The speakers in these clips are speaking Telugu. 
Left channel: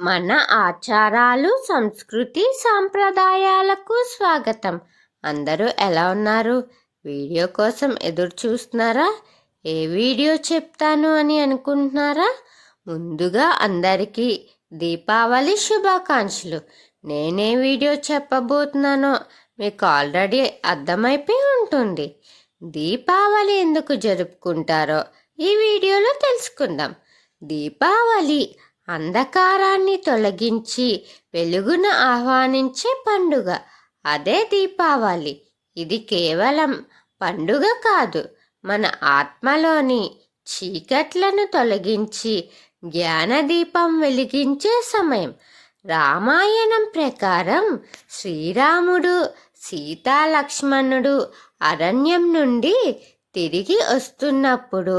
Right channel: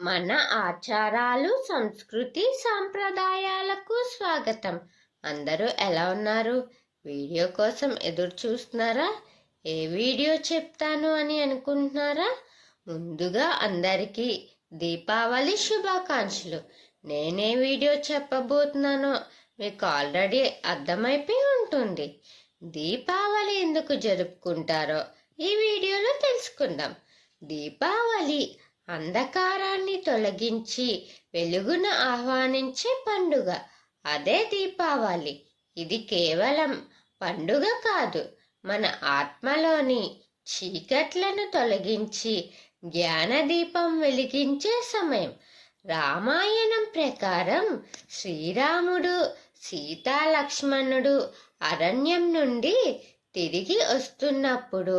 మన ఆచారాలు సంస్కృతి సాంప్రదాయాలకు స్వాగతం. అందరూ ఎలా ఉన్నారు? వీడియో కోసం ఎదురు చూస్తున్నారా? ఏ వీడియో చెప్తాను అని అనుకుంటున్నారా? ముందుగా అందరికీ దీపావళి శుభాకాంక్షలు. నేనే వీడియో చెప్పబోతున్నానో మీకు ఆల్రెడీ అర్థమైపోయి ఉంటుంది. దీపావళి ఎందుకు జరుపుకుంటారో ఈ వీడియోలో తెలుసుకుందాం. దీపావళి అంధకారాన్ని తొలగించి వెలుగును ఆహ్వానించే పండుగ. అదే దీపావళి. ఇది కేవలం పండుగ కాదు. మన ఆత్మలోని చీకట్లను తొలగించి జ్ఞానదీపం వెలిగించే సమయం. రామాయణం ప్రకారం శ్రీరాముడు సీతా లక్ష్మణుడు అరణ్యం నుండి తిరిగి వస్తున్నప్పుడు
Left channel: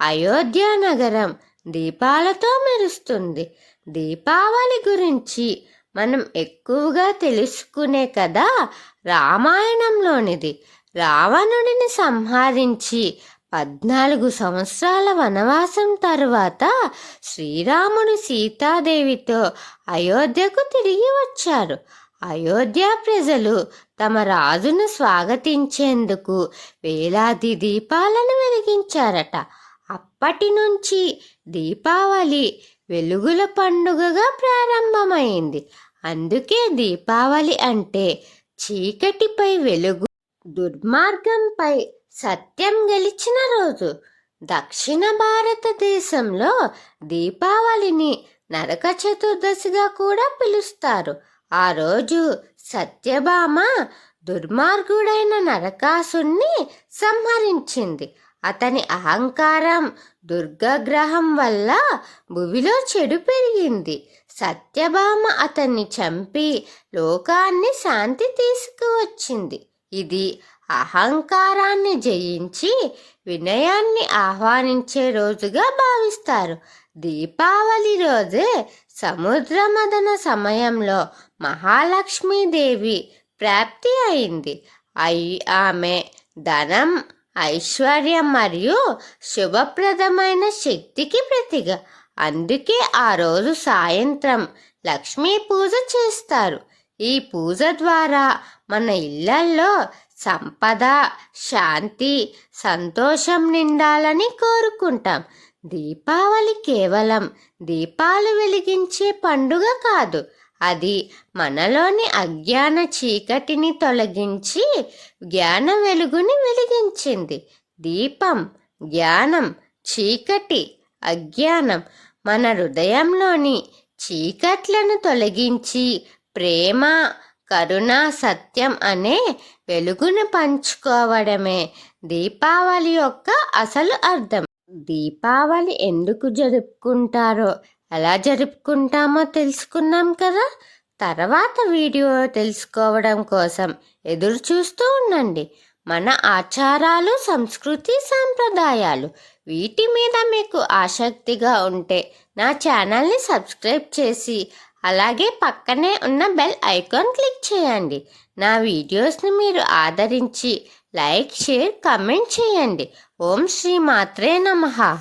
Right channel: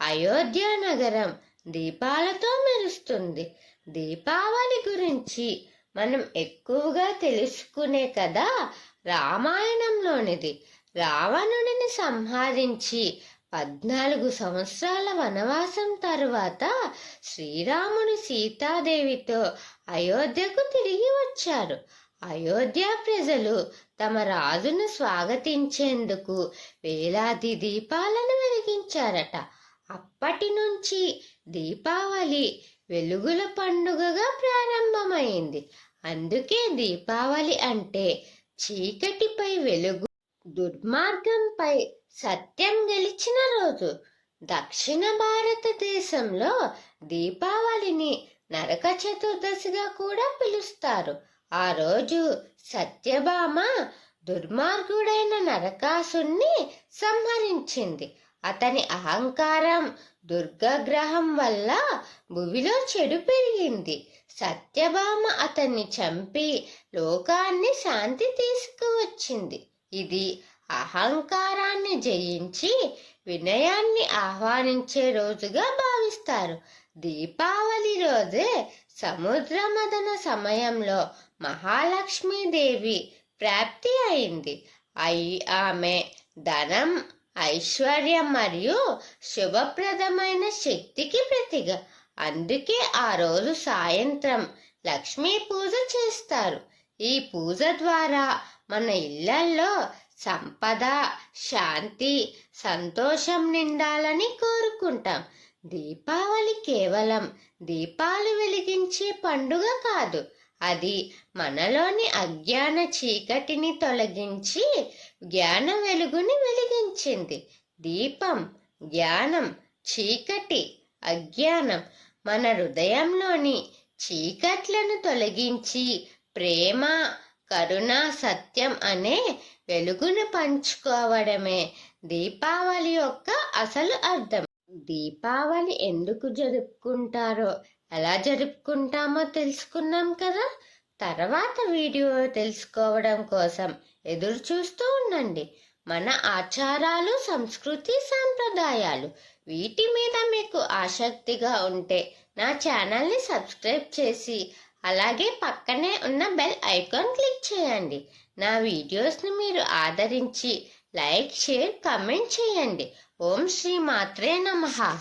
అయోధ్య నగరం దీపాలతో మెరుస్తుంది. దీపావళి గురించి మనం ఎక్కువగా తెలుసుకునే కదా రామాయణంలోనిది. రావణుడిని సంహరించి పద్నాలుగు సంవత్సరాల వనవాసం తరువాత శ్రీరాముడు సీతాదేవితో అయోధ్యకు తిరిగి వచ్చారు. అయోధ్య ప్రజలు తమ రాజును స్వాగతించేందుకు వేలాది దీపాలను వెలిగించారట. అప్పటి నుంచి దీపావళి వెలుగుల పండుగగా ప్రారంభమైంది. అందుకే దీపావళి అంటే చీకటిపై వెలుగు దుర్మార్గంపై సత్యం గెలిచిన రోజు. దక్షిణ భారతదేశంలో దీపావళిని నరక చతుర్దశిగా కూడా పిలుస్తారు. ఆ రోజు సత్యభామ దుర్మార్గుడైన నరకాసుణ్ణి సంహరించింది. అతని అహంకారం దుర్గగ్రహం వల్ల భువిలో చెడు పెరిగింది. సత్యభామ అతన్ని చంపి లోకాన్ని శాంతి తీసుకువచ్చింది. ఇది అహంకారాన్ని జయించి వినయాన్ని ఆహ్వానించే రోజుగా భావిస్తారు. దీపావళి రోజే సముద్రమదన సమయంలో మహాలక్ష్మీదేవి ప్రాప్తి అయింది. అయి ఆమె ధనం ఐశ్వర్యం మరియు శుభప్రదమైన శక్తికి ప్రతిగా. అందుకే ఆ రోజు సాయంత్రం లక్ష్మీ పూజ చేస్తారు. ఈ పూజ ద్వారా మన ఇళ్ళల్లో సంపద శాంతి సంతోషం నిండాలని కోరుకుంటాం. దీపావళి కేవలం దీపాలు వెలిగించే పండుగ కాదు అది మనలోని అజ్ఞాన చీకటిని తొలగించి జ్ఞాన వెలుగుని వెలిగించింది. దీపం జ్ఞానం చీకటి అజ్ఞానం మన హృదయంలోని చీకట్లను తొలగించి ప్రేమ కరుణ సత్యం అనే వెలుగును పంచుకోవడమే దీపావళి యొక్క అసలు అర్థం. దీపావళి ఎందుకు జరుపుకుంటారో ఎలా జరుపుకుంటామో తెలుసుకున్నాం కదా? తర్వాత వీడియో తెలుసుకోవడం కోసం ఎదురు చూస్తూ ఉండండి. మన ఆచారాలు సంస్కృతి సాంప్రదాయాలు వీటి మీద మీకు ఆసక్తిగా ఉంటే నా ఛానల్ని సబ్స్క్రైబ్ చేసి అలాగే పక్కనే ఉన్న బెల్ ఐకాన్ క్లిక్ చేయండి. నా వీడియోస్ని మీరు ఆదరించి లైక్ షేర్ కమెంట్ చేయండి. ఓం శ్రీ మాత్రే నమః.